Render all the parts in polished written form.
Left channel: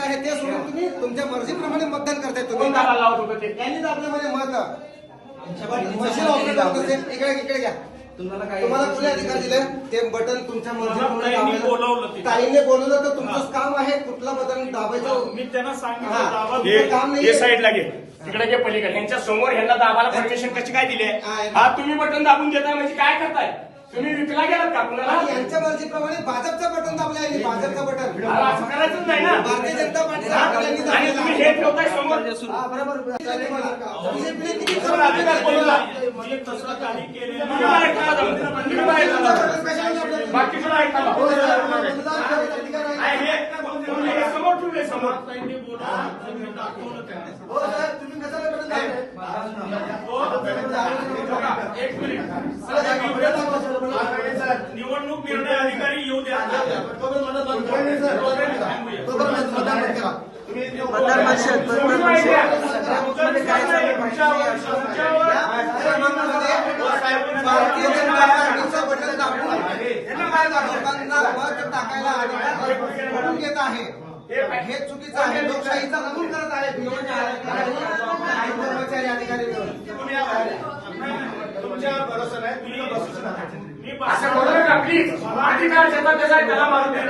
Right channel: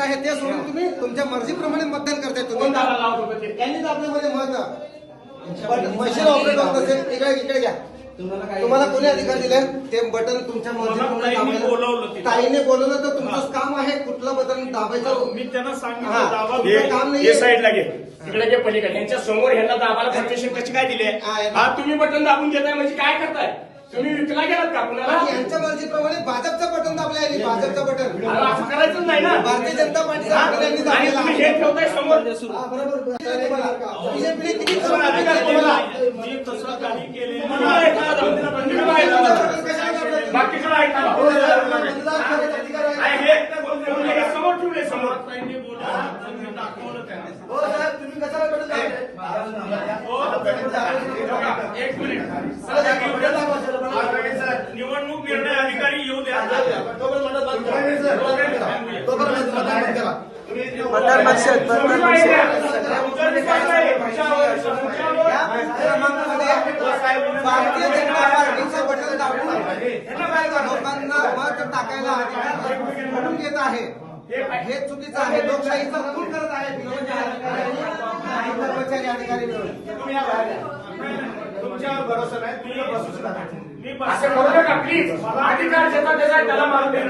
आहे ते सोडून तुम्ही तुमच्या मर्जीप्रमाणे मतदान करताय तुम्ही. त्यांनी आपल्यामध्ये मत मशीन ऑपरेटर होतं ते इकडे घ्या. तुम्हाला कोणी अधिकार दिले ते बटन तुमच्या मर्जीप्रमाणे ताईने बोलवलं तर तुमचं काम आहे कुठलं बटन दाबायचं. मी त्यांना सांगितलं काम नाही. हे साईडला घे, तिकडे घे पलीकडे. त्यांच्या समोर ह्यांना दाबायला परमिशन कशी काय दिली? हा तुम्ही बटन दाबून घेताय म्हणजे काय करताय? तुम्ही विकला गेलात का कुणाला? यांच्या मर्जीप्रमाणे भाजपचं बटन दाबलं आहे. भाजपचं बटन असं करायचंच नाही ना. भारतीय जनता पार्टीला आणि तुम्ही हे ठेवताय समोर. बीजेपीने किती तुम्हाला अधिकार कोणाला? मी तसं काही केलेलं नाही. तुम्ही ऐका ना, तुम्ही ऐका. बाकी तुला ऐका. आहे हे समोर ठेवले समोर. तुम्ही कशाला बटन एक मिनिट. निवडणूक निर्णय अधिकारी येऊ द्या. मतदार पक्षात भारतीय जनता पार्टीचं बटन दाबून लोकांना मत टाकायला म्हणून येत आहे. हे चुकीचं आहे. लोकशाहीचा नमूद करत आहे. कर्मचारी अधिकारी तुमच्यावर भरोसा नाही. तुम्ही भरोसा नाही. असं करू नका प्लीज. अधिकार ज्याचा त्याचा त्याला मारून द्या.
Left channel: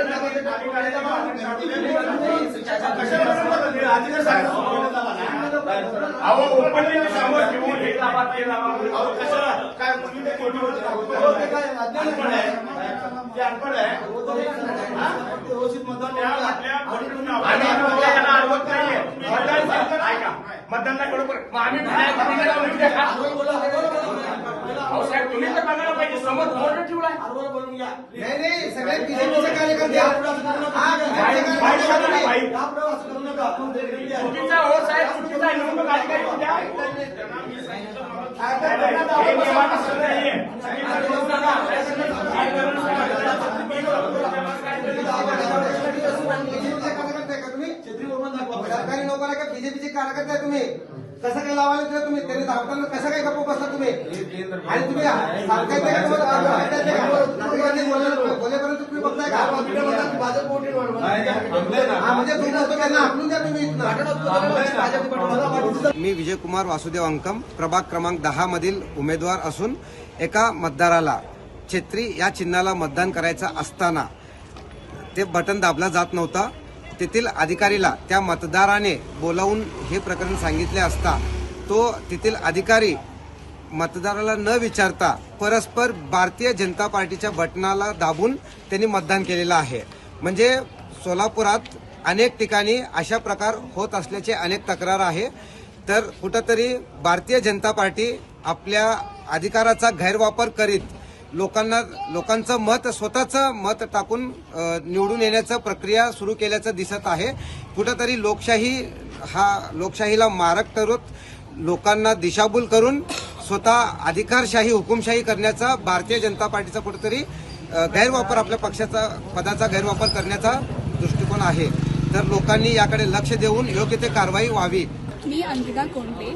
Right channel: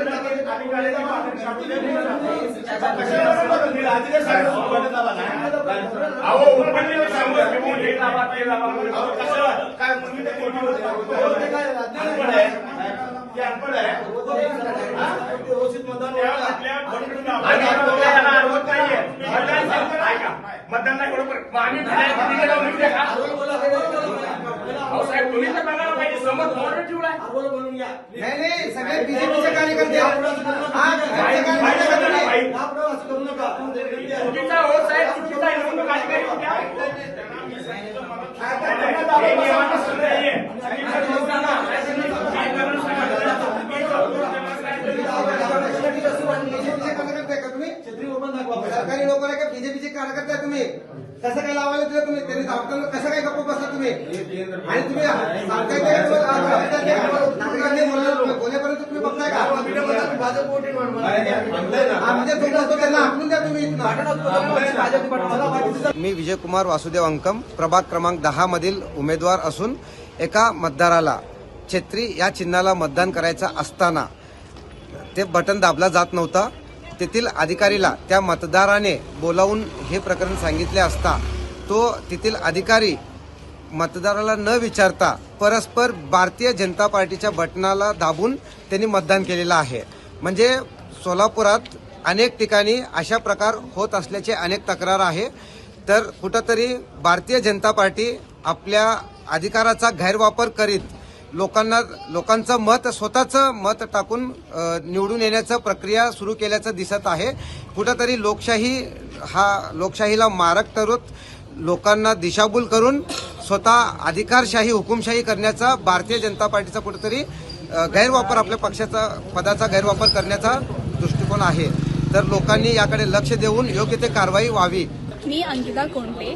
अहो उमेदवार समोर ठेवून हे लाभाता येईल. कशाला काय मुलीने अनपड आहे. मतदान नाही बरोबर. आम्ही साहेब तुम्ही तर करायला पाहिजे. समोर बोलून ठेवला. नाही सगळे बीजेपीचे कार्यकर्ते चुकीचा हो साहेब, चुकीचा निवडणूक अधिकारी होत्या. सरकारी लोक आहे का बीजेपीचे कार्यकर्ते आहे तुम्ही? कसं काही लावायला दिलं तुम्ही? त्यांनी धावताना कसं काही गप्प बसला तुम्ही? आणि तुम्ही बोलेपर्यंत तुम्ही बघताय का? म्हणजे त्यांना आखून द्या तुम्ही. मी विजयकुमार वासुदेव अंकम, प्रभाग क्रमांक 10 मधील उमेदवार असून एका मतदाराला छत्री या चिन्हाला मतदान करायचं असताना ते बटन दाबला जात नव्हतं. तेथील अधिकारीला त्या मतदाराने बोलावून हे प्रकरण सांगितले असता तो तेथील अधिकारी मतदाराला न विचारता परस्पर भारतीय जनता पार्टीच्या बटनाला दाबून त्यांनी मतदान केलेलं आहे. म्हणजे सोलापुरात अनेक ठिकाणी अशा प्रकार होत असल्याचे अनेक तक्रार आहे. तर कुठंतरी भारतीय जनता पार्टी आपल्या अधिकाराचा गैरवापर करीत लोकांचं मत स्वतःचं मत टाकून निवडून येण्याचं प्रक्रिया सुरू केल्याचं दिसत आहे. कुठंतरी लोकशाहीला मारक ठरवत लोकांना दिशाभूल करून स्वतः अधिकारशाही हुकुमशाही करण्याचा भारतीय जनता पार्टीचा कुठेतरी गैरवापर, आपल्या पक्षाचा पदाचा गैरवापर करण्याचा दृष्टिकोन आहे. तर लोकांनी याकडे लक्ष देऊन योग्य ते कारवाई व्हावी. मी अंकिता कोंडे,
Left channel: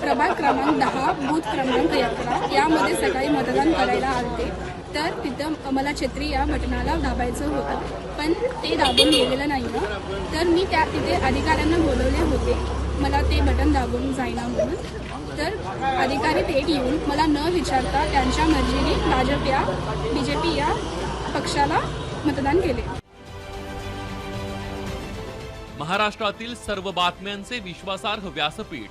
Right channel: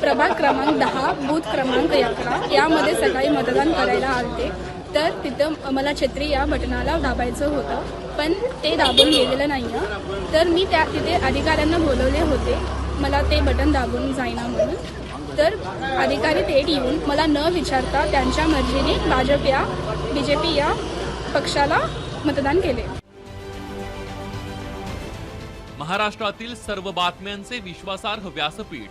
प्रभाग क्रमांक 10, बूथ क्रमांक 11 यामध्ये सकाळी मतदान करायला आले. तर तिथं मला छत्री या बटनाला दाबायचं होतं, पण ते दाबून गेलेलं नाही. तर मी तिथे अधिकाऱ्यांना बोलवले होते, मला ते बटन दाबून जाईना म्हणून. तर अधिकारी थेट येऊन मला न विचारता त्यांच्या मर्जीने बीजेपी या पक्षाला मतदान केले. महाराष्ट्रातील सर्व बातम्यांचे विश्वासार्ह व्यासपीठ,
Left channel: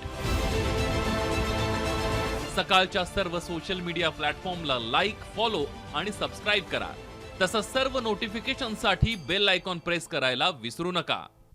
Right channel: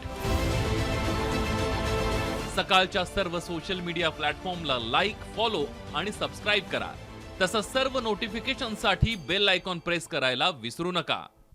सकाळच्या सर्व सोशल मीडिया प्लॅटफॉर्मला लाईक, फॉलो आणि सबस्क्राईब करा. तसंच सर्व नोटिफिकेशनसाठी बेल आयकॉन प्रेस करायला विसरू नका.